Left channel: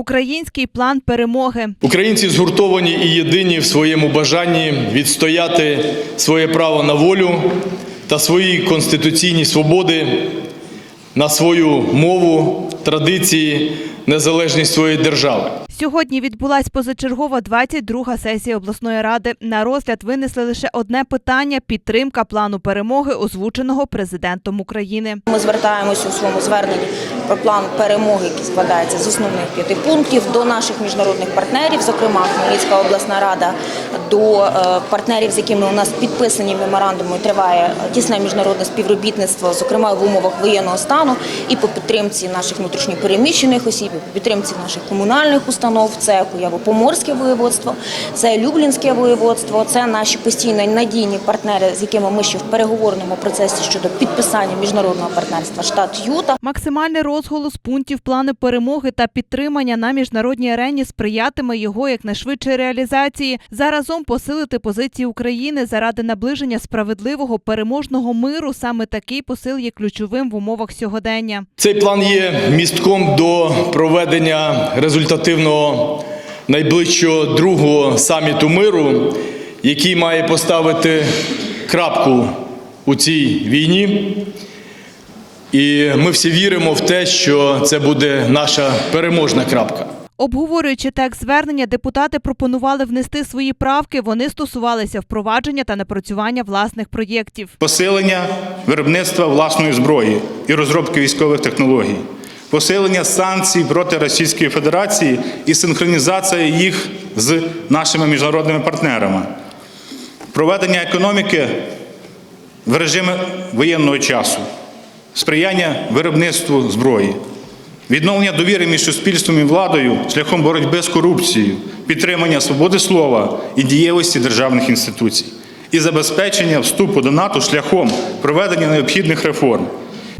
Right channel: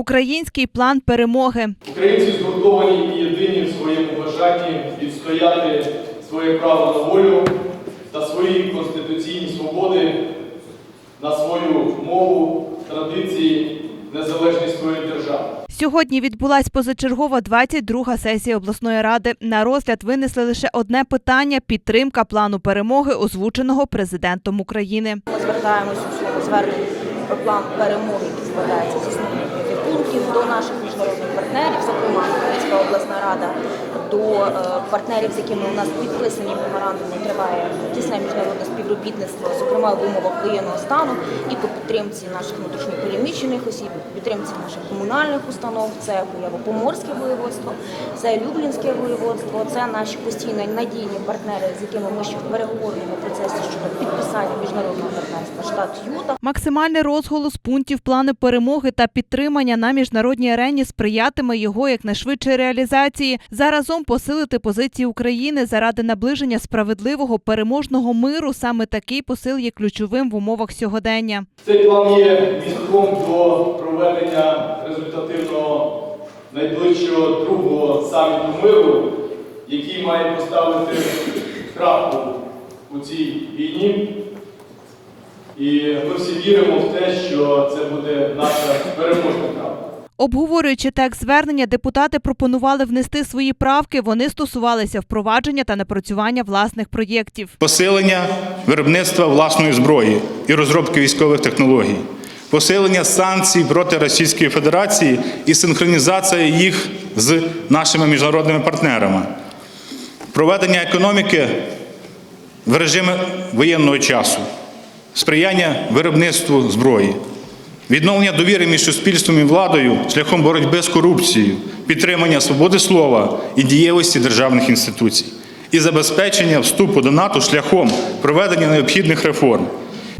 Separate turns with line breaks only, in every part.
Український план перемоги.
Українці згуртовані і єдині в своєму бажанні відстояти своє право на волю та свої конституційні свободи, на свою мову, традиції, незалежність своєї держави.
Сьогодні відбулась позачергова 22-га сесія обласної ради. На розгляд винесли лише одне питання підтримка плану перемоги, озвученого президентом України.
Ми звертаємося у своєму зверненні про план перемоги, який складається з основних п'яти пунктів до наших міжнародних партнерів, зокрема Хмельницька обласна рада, до е, партнерів, з якими у нас підписані меморандуми, триває тісне міжнародне співробітництво, зокрема в умовах воєнного стану, і по підтримці наших внутрішньопереміщених осіб, підтримці наших комунальних установ. Це Куяво-Поморське воєводство, це Люблінське воєводство, це наші постійно надійні партнери, з якими ми ще в переговорному процесі щодо підписання міжнародного партнерства штат Юта.
Максимальний розголос пунктів плану перемоги та підтримання на міжнародній арені сприятиме його якнайшвидшій реалізації. Заразом посилити позиції України заради наближення справедливого переможного миру. Саме такий посил є ключовим в умовах сьогодення.
Цей план є містком до проведення результативного найближчого другого саміту миру, який має поставити крапку у цій війні. І ми всі віримо в те, що це буде наша переможна крапка.
Обговорюючи текст звернення, депутати пропонували внести свої правки. Вони стосувалися впровадження та напрацювання власних проєктів.
посилення виробництва власної зброї і розробки військових технологій, посилення санкцій проти Російської Федерації і синхронізація їх з нашими міжнародними партнерами, проведення економіки в режимі воєнного часу, сприяння виробництву зброї. Відновлення довіри між суспільством і владою шляхом боротьби з корупцією, підтримання свободи слова і дієвості державних інституцій, і забезпечення вступу до НАТО шляхом проведення необхідних реформ.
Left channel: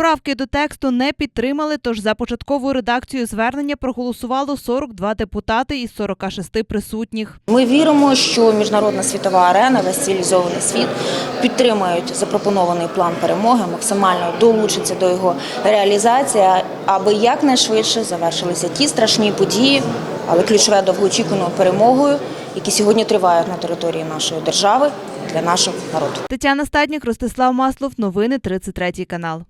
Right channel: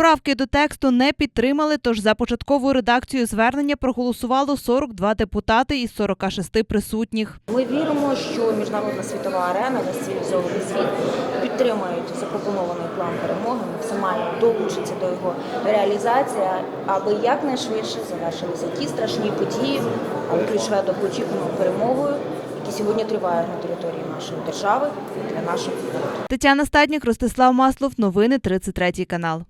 Правки до тексту не підтримали, тож за початкову редакцію звернення проголосувало 42 депутати із 46 присутніх.
Ми віримо, що міжнародна світова арена, весь цивілізований світ підтримають запропонований план перемоги, максимально долучаться до його реалізації, аби якнайшвидше завершилися ті страшні події, але ключове довгоочікуваною перемогою, які сьогодні тривають на території нашої держави для нашого народу.
Тетяна Стаднік, Ростислав Маслов. Новини 33 канал.